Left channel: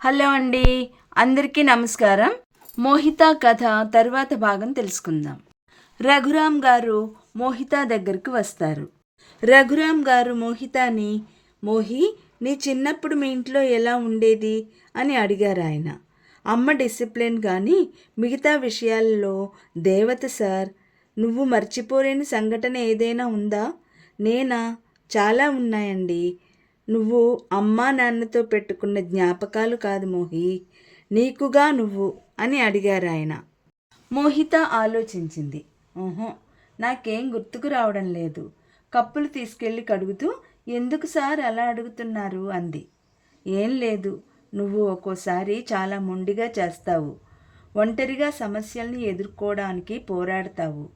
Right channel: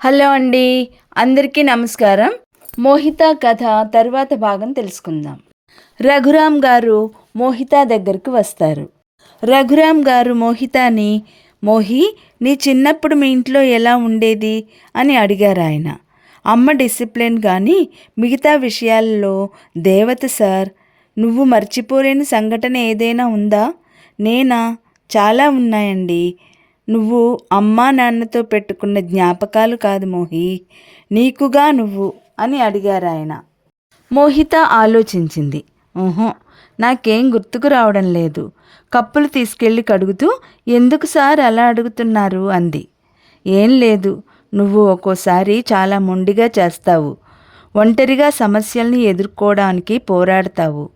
Hello అండి అందరికీ నమస్కారం. మోహిత కథ తరువాత భాగం తెలుసుకుందాం. రఘురామ్ గారు మోహిత దగ్గరకు వస్తారు. రఘురామ్ గారు మోహితాని మోహి నీ చిన్నప్పుడు మీ ఇంట్లో ఎలా ఉండేది? అని అడిగారు ఆయన. అమ్మ డిసిప్లిన్ కానీ మిగతా విషయాల్లో దేవత సార్ నువ్వు మర్చిపోలేని సంఘటన ఏదైనా ఉందా? నేనా? చాలా ఉన్నాయండి. నువ్వు అమ్మా నాన్నతో పెట్టుకున్న జ్ఞాపకాలు కాదు మోహి. నీకుగా నువ్వు అని అడిగారు ఆయన. మోహిత ఆలోచించింది. ఓహో నాకేం గుర్తుకు రావడం లేదు. కప్పులు తీసుకెళ్ళి కడుగుతూ ఎందుకు సార్ అలా అడుగుతున్నారు? అంది. ఏం లేదు నువ్వు ఒక్కోసారి చాలా మొండిగా చేస్తావు. ఒంటరిగా సమస్యల్ని ఎదుర్కోవడానికి పోరాడతావు.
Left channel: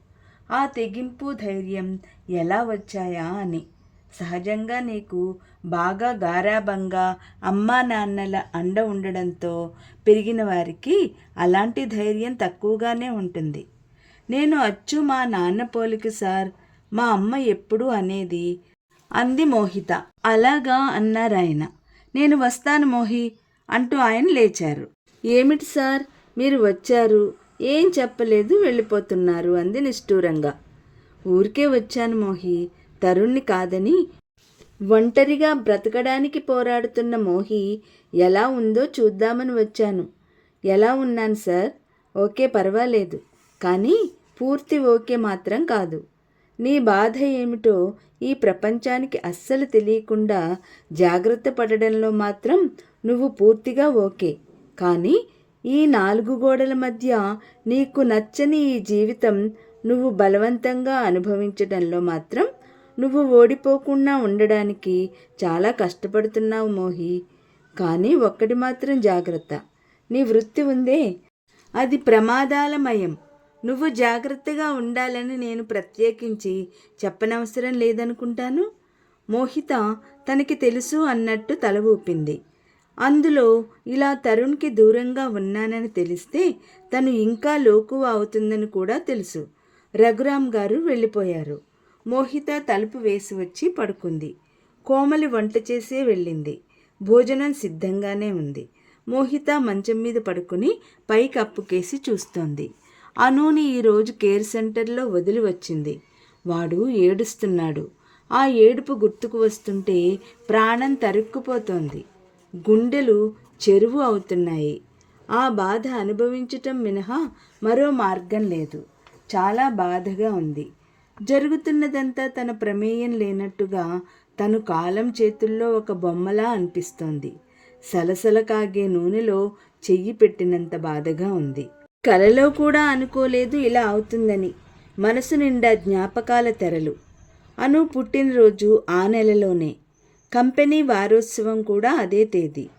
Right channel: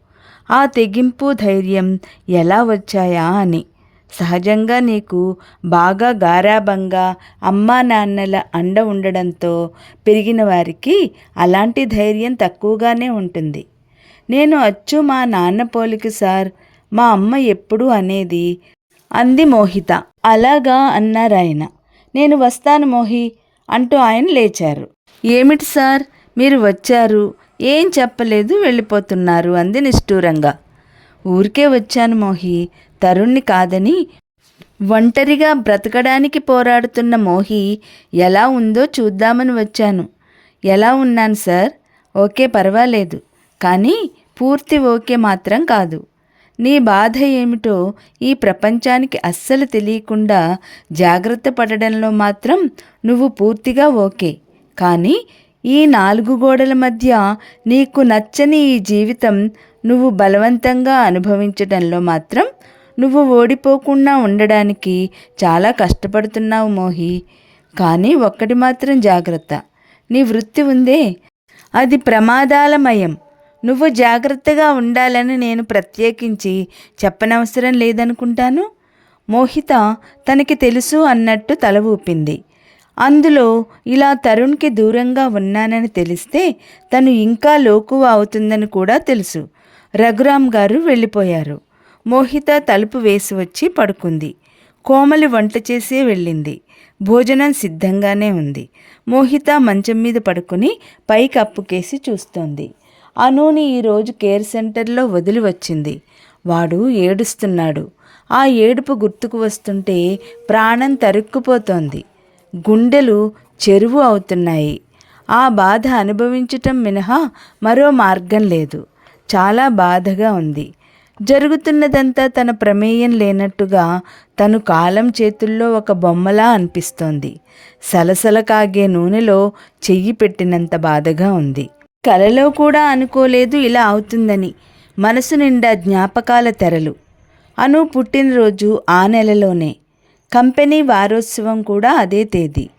ఆ తెగింపు ధైర్యం ఎలా వచ్చాయా? అని. సహజంగా నీకు బాగా గారాబంగా అమ్మా నాన్నల అండ ఉండడంతో పెరిగిన వారికి అలాంటి ధైర్యం తక్కువగానే ఉంటుంది. నేను అచ్చు మా నాన్న పోలికి సార్ మా అమ్మ ఎప్పుడు అనేది అంది మోహిత. అలాగా అన్నారాయన నేను వస్తాను మోహి అంటూ ఆయన లేచారు. ఏమిటి సార్ మీరు వచ్చారు? ఏం చెప్పలేదు? వెళ్ళిపోతున్నారు అంది నిష్ఠూరంగా. ఊరికే వచ్చాను మోహి తరుణ్ణి కాదని ఒంటరిగా బ్రతకడానికి పోరాడుతున్న మోహి ఎలా ఉందో చూద్దామని వచ్చాను. ఎలా ఉన్నాను సార్? ఓకే పర్వాలేదు. కానీ పూర్తి ఓకే మాత్రం కాదు. నీ బాధ ఏమిటో ఈ ప్రపంచానికి అస్సలు తెలియకుండా జాగ్రత్త పడడంలో మాత్రం నువ్వు పూర్తిగా ఓకే. కానీ ఈ నాలుగు గోడల మధ్య నీకు నచ్చని ఈ జీవితం నువ్వు బలవంతంగా అనుభవించడంలో మాత్రం నువ్వు ఓడిపోకుండా ఉండడానికి చాలా కష్టపడుతున్నావు మోహి. కానీ ఒక్కటి మాత్రం జాగ్రత్త. నీ వృత్తి ఉందే. అది ప్రమాదాలమయం. నువ్వు జాగ్రత్తగా ఉండాలని నేను ప్రత్యేకించి చెప్పనవసరం లేదనుకుంటాను? మోహిత తనకి తెలుసు అన్నట్టు తల ఊపింది. అందులో ఇలా తరుణ్కి దూరంగా ఉన్నానని తెలిస్తే తను ఇంకా లోకువ అవుతుందని కూడా తెలుసు. రఘురామ్ గారు వెళ్ళిపోయారు. మోహిత తలుపు వేసి వచ్చి పడుకుంది. కోమలి వంట చేసే వెళ్ళింది. భోజనం సిద్ధంగానే ఉంది. మోహిత మంచం మీద పడుకుని పైకి అప్పుకేసి చూస్తోంది. అనూని ఈరోజు కేర్ సెంటర్లో వదిలి వచ్చింది. వాడు ఏడుస్తున్నాడు. ఆ ఏడుపు గుర్తుకు వస్తుంటే ప్రాణం తరుక్కుపోతోంది. గుండెలు చెరువు అవుతున్నాయి. ఆ బాధ అనుభవించటం మినహా మరో మార్గం లేదు. చాలా బాధగా ఉంది. జరుగుతున్నదంతా తన ప్రమేయం లేనట్టుగా తను కాలం చేతుల్లో ఒక బొమ్మలా అనిపిస్తోంది. సలసల కాగే నూనెలో చెయ్యి పెట్టినంత బాధగా ఉంది. కలలో కూడా అనుకోలేదు ఇలా అవుతుందని మనసు నిండా జ్ఞాపకాల తెరలు. అను పుట్టినరోజు ఆ నెలలోనే. కంపెనీ వారోత్సవం కూడా అదే తేదీ.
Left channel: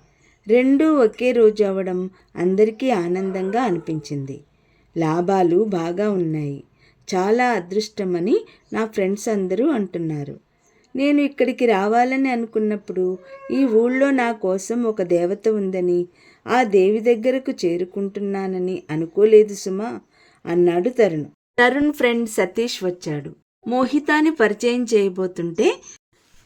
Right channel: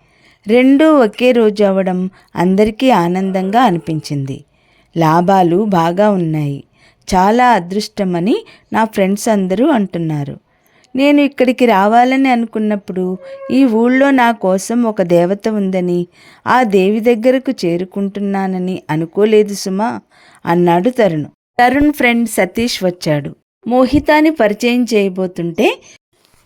రెండూ ఒకే రోజు అవ్వడం అందరికీ ఆనందంగా అనిపించింది. లాభాలు బాగా ఉన్నాయి. చాలా అదృష్టమని నా ఫ్రెండ్స్ అందరూ అంటున్నారు. నేను ఇక్కడికి రావాలని అనుకున్నప్పుడు ఈ ఊళ్ళో నా కోసం ఒక దేవత ఉందని ఆ దేవి దగ్గరకు చేరుకుంటున్నానని అనుకోలేదు సుమా అన్నాడు తరుణ్. తరుణ్ ఫ్రెండ్ సతీష్ వచ్చాడు. మోహితాని పరిచయం చేయబోతుంటే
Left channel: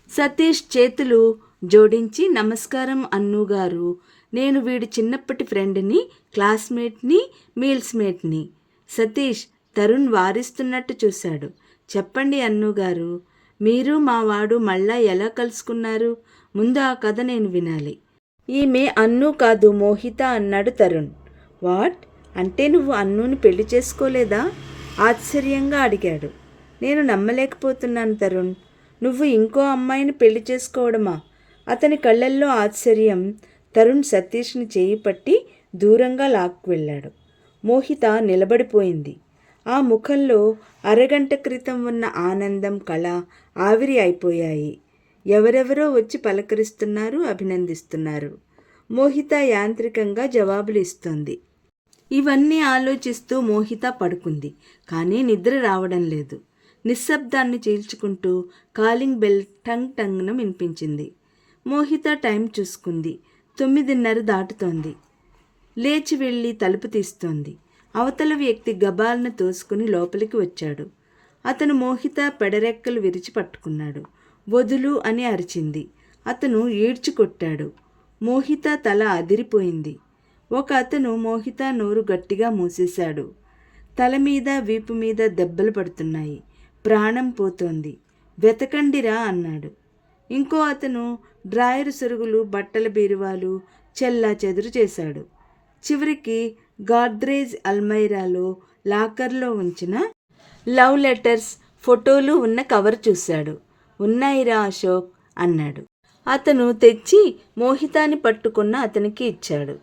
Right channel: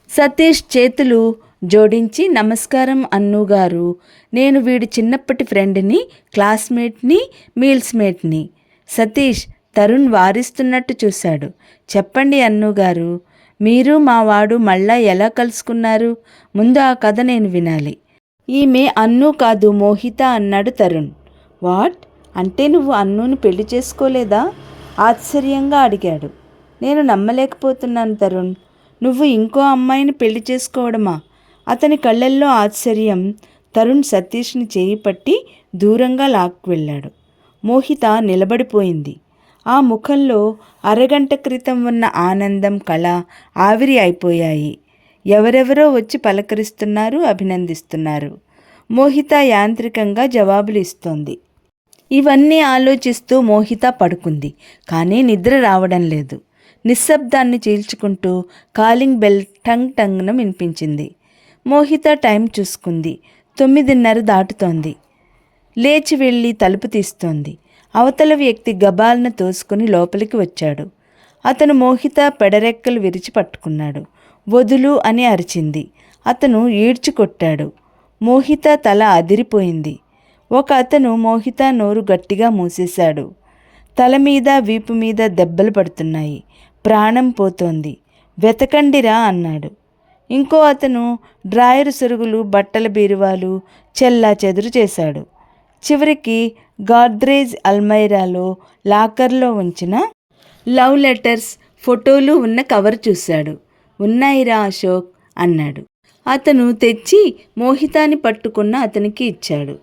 సతీష్ చేతులు జోడించి నమస్కారం అన్నుగారు నేను వీడి చిన్నప్పటి ఫ్రెండ్ని క్లాస్మేట్ని మీల్స్మేట్ని. సతీష్ తరుణ్ వారిస్తున్నట్టు చూశాడు. చెప్పండి అన్నుగారు మీరు మా వాడు మళ్ళా ఎలా కలుసుకున్నారు? ముందు ఆ కథ నేను వినాలి. ఈమె అన్ను కాదు మోహిత అన్నాడు తరుణ్. వాట్? అంటే నువ్వు అన్నును పెళ్ళి చేసుకోలేదా? ఆశ్చర్యంగా అడిగాడు. నేను నమ్మలేకపోతున్నాను తరుణ్. నువ్వు ఇంకో అమ్మాయిని పెళ్ళి చేసుకోవడమా? అతని కళ్ళల్లో ఆశ్చర్యం. తరుణ్ సతీష్ని చేయి పట్టి దూరంగా లాక్కు వెళ్ళాడు. మోహిత నిలబడిపోయింది. ఆ ముఖంలో అరగంట క్రితం ఉన్న ఆనందం కళ ఆవిరి అయిపోయాయి. ఎవరెవరో వచ్చి పలకరిస్తున్నారు అభినందిస్తున్నారు. మోహిత యాంత్రికంగా జవాబులు ఇస్తోంది. ఇవన్నీ ఆలోచిస్తూ మోహిత పడుకుంది. కానీ నిద్ర రావడం లేదు. నిశ్శబ్దాన్ని చీల్చుకుంటూ కాలింగ్ బెల్ టంగ్ టంగ్ను వినిపించింది. మోహిత టైం చూసుకుంది. తొమ్మిదిన్నర దాటుతోంది. లేచి వెళ్ళి తలుపు తీస్తోంది. అవతల వ్యక్తి గబాలను తోసుకుని లోపలికి వచ్చాడు. అతను మోహిత పెడరెక్కలు విరిచి పట్టుకున్నాడు. వదులు అని అరిచింది. అతను ఈడ్చి కొట్టాడు. మోహిత తల అదిరిపోయింది. ఒక అతను మోహిత నోరు గట్టిగా మూసేశాడు. తల మీద వీపు మీద దెబ్బలు పడుతున్నాయి. ప్రాణం పోతోంది. వెతకండిరా అన్నాడు. ఇంకో అతను డ్రాయరు సరుగులు బట్టల బీరువాలు చెల్లా చెదురు చేశాడు. చివరికి గాద్రేజ్ అల్మైరాలో లాకర్లో ఉంచిన లవ్ లెటర్స్ ఫోటోలు ఉన్న కవర్ చూశాడు. ఉన్నాయిరా అశోక్ అన్నాడు. అతను తెచ్చి మోహితాన్ని పట్టుకున్న అతనికి ఇచ్చాడు.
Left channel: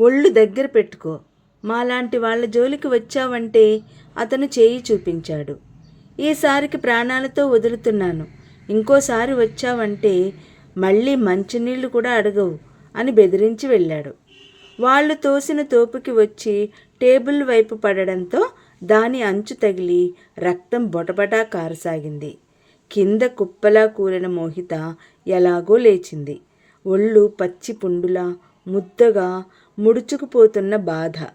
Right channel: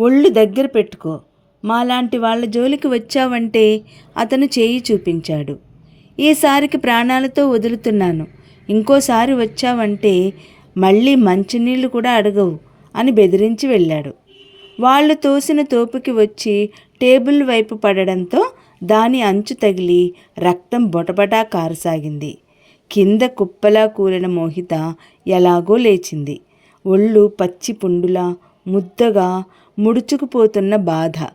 ఒళ్ళు దగ్గర పెట్టుకో. మాలాంటి వాళ్ళ జోలికి వచ్చావంటే అతను చేయి చూపించాడు. ఈసారికి ప్రాణాలతో వదులుతున్నాను. ఇంకోసారి వచ్చావంటే మళ్ళీ మంచినీళ్ళు కూడా అడగవు అని బెదిరించి వెళ్ళాడు. వాళ్ళు తోసిన తోపుకి వచ్చి టేబుల్ వైపు పడడంతో దాని అంచు తగిలి రక్తం బొటబటా కారసాగింది. కింద కుప్పలా కూలిన మోహిత ఎలాగో లేచింది. ఒళ్ళు పచ్చి పుండులా ముద్దగా ముడుచుకుపోతున్న బాధ.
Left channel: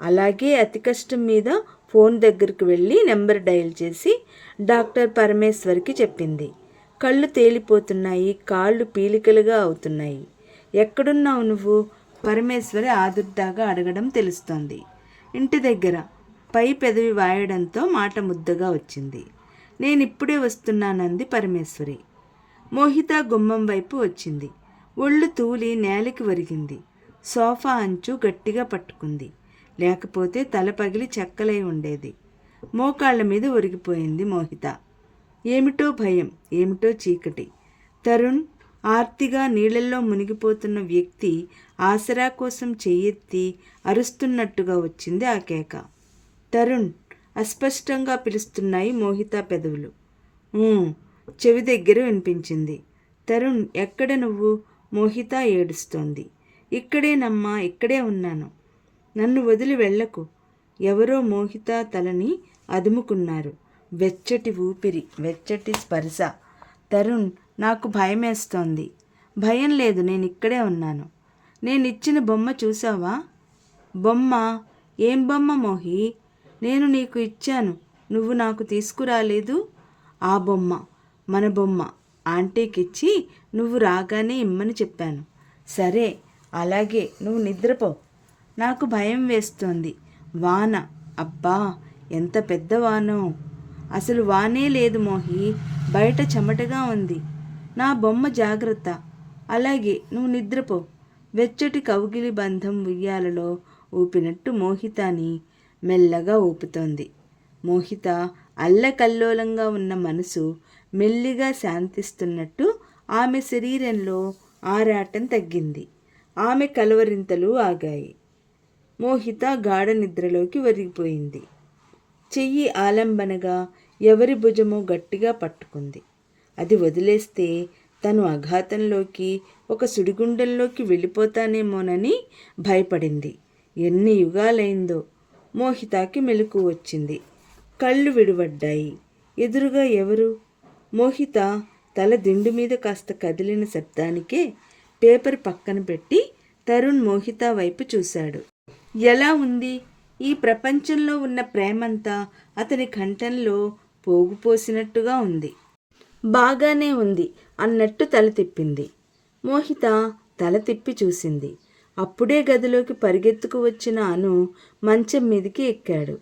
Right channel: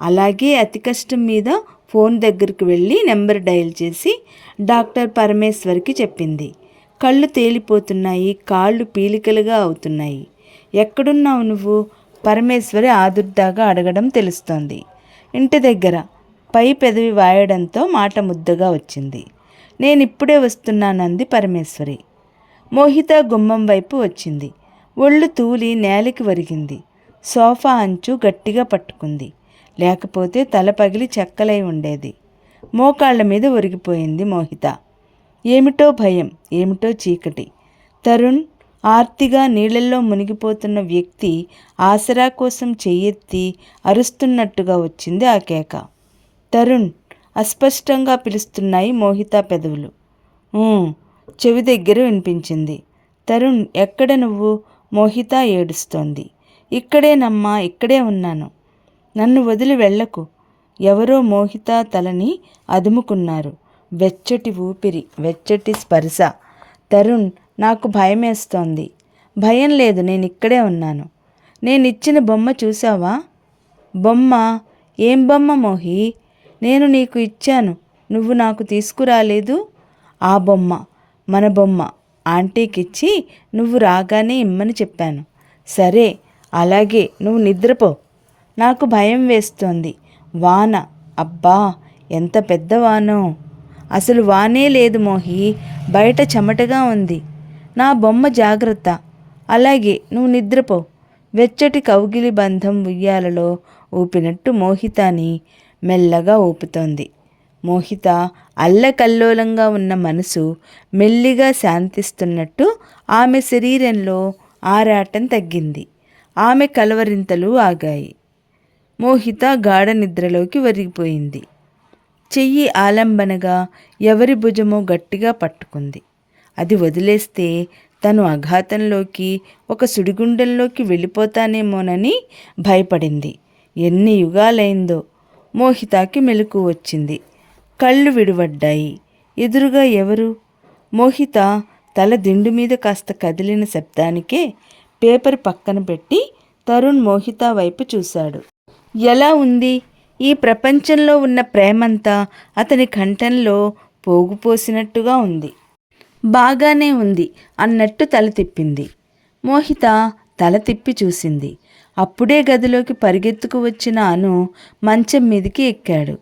అలాగే అతి కష్టం మీద ఫోన్ దగ్గరికి వెళ్ళి నెంబర్ డయల్ చేసి డాక్టర్ పరమేశ్వర్కి చెప్పింది. కళ్ళు తేలిపోతున్నాయి కాళ్ళు పీలికలుగా అవుతున్నాయి. ఎక్కడున్నావు నువ్వు? పరమేశ్వరి ఆదుర్దాగా అడగడం తెలుస్తోంది. ఇంటి దగ్గర పై పెదవి వాయడంతో మాట ముద్దగా వచ్చింది. నేను ఇప్పుడే వస్తున్నానంది పరమేశ్వరి. మోహిత గుమ్మం వైపు వచ్చింది. ఒళ్ళు తూలి నేలకి వరిగింది సోఫా అంచు గట్టిగా పట్టుకుంది. లేకపోతే తల పగిలి చెక్కలై ఉండేది. మోకాళ్ళ మీద ఒరిగిపోయింది మోహిత. ఏమిటో భయం ఏమిటో చీకటి. తరుణ్ ఆర్తిగా నీళ్ళల్లో మునిగిపోతున్న వ్యక్తి ఆసరా కోసం చెయ్యెత్తి అరుస్తున్నట్టుగా వచ్చింది ఆ కేక. తరుణ్ అస్పష్టంగా పిలుస్తున్నాయి మోహిత పెదవులు. చెవి దగ్గర వినిపించింది. తరుణ్ ఎక్కడ నువ్వు? మోహిత ఏడుస్తోంది. ఇక్కడేనమ్మా ఇక్కడే ఉన్నాను. నన్ను వదిలి వెళ్ళకు. ఎవరో మోహిత తలని అదుముకున్నారు. వెచ్చటి ఊపిరి వెచ్చటి స్పర్శ. తరుణ్ నాకు భయమేస్తోంది. భయం లేదు నేను ఇక్కడే ఉన్నాను. నేను ఇచ్చిన బొమ్మ చూసావా బొమ్మ? ఏం బొమ్మ మోహి? నేను నీకు ఇచ్చాను. నువ్వు నాకు తీసుకురాలేదు? ఆ బొమ్మ మన బొమ్మ. ఆంటీకిచ్చి నువ్వు రాగానే ఇమ్మని చెప్పాను. సరే అలాగే నువ్వు నిద్రపో. నాకు భయం వేస్తోంది. వాన. అబ్బా ఎంత పెద్ద వానో. అసలు వానే లేదు మోహి. బయట చెమటగా ఉంది. నా బొమ్మ జాగ్రత్త. అలాగే నువ్వు నిద్రపో. వెచ్చటి కౌగిలి బంధం ఉయ్యాలలో ఊపినట్టు మోహితాని మెల్లగా ఊపుతోంది. మోహిత అల్లకల్లోలంగా ఉన్న మనసు మెల్లిగా శాంతిస్తున్నట్టు ఆమె శరీరంలో ఆరాటం తగ్గింది. ఆమె కలవరింతలు ఆగాయి. మోహిత గాఢ నిద్రలోకి వరిగిపోయింది చెయ్యి ఆలంబనగా ఎవరి భుజమో గట్టిగా పట్టుకుంది. అది వదిలేస్తే తను అఘాతంలోకి ఒక సుడిగుండంలోకి వెళ్ళిపోతానేమోనని భయపడింది. ఎన్ని యుగాలైందో మోహితాకి మెలకు వచ్చింది. కళ్ళు విడివడ్డాయి. ఎదురుగా ఎవరు? మోహిత తల దిండు మీద కాస్త కదిలిన శబ్దానికే పేపర్ పక్కన పెట్టి తరుణ్ మోహిత వైపు చూశాడు. ఎలా ఉంది? ఈ ప్రపంచంలో ఉన్న ప్రేమంతా అతని కంఠంలో పోగుపోసినట్టుగా ఉంది. బాగానే ఉంది అన్నట్టు తల తిప్పింది. మోహిత తల తిప్పి చూసింది. అప్పుడే గదిలోకి పరిగెత్తుకు వచ్చిన అను మంచం మీదికి ఎక్కాడు.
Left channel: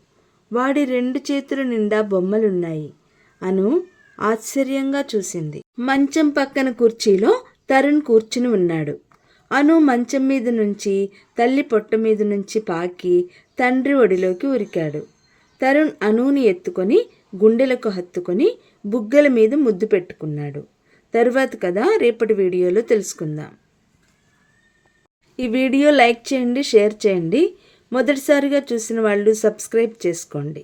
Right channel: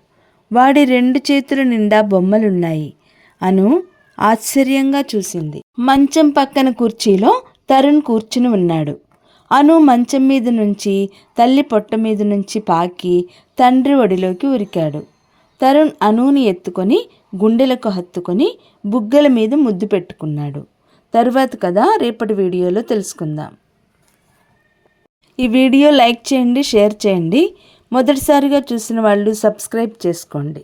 వాడి రెండు చేతుల నిండా బొమ్మలున్నాయి. అను ఆశ్చర్యంగా చూసింది. మంచం పక్కన కుర్చీలో తరుణ్ కూర్చుని ఉన్నాడు. అను మంచం మీద నుంచి తల్లి పొట్ట మీద నుంచి పాకి తండ్రి ఒడిలోకి ఉరికాడు. తరుణ్ అనుని ఎత్తుకొని గుండెలకు హత్తుకొని బుగ్గల మీద ముద్దు పెట్టుకున్నాడు. తర్వాత కదా రేపటి వీడియోలో తెలుసుకుందాం. ఈ వీడియో లైక్ చేయండి షేర్ చేయండి. మొదటిసారిగా చూసిన వాళ్ళు సబ్స్క్రైబ్ చేసుకోండి.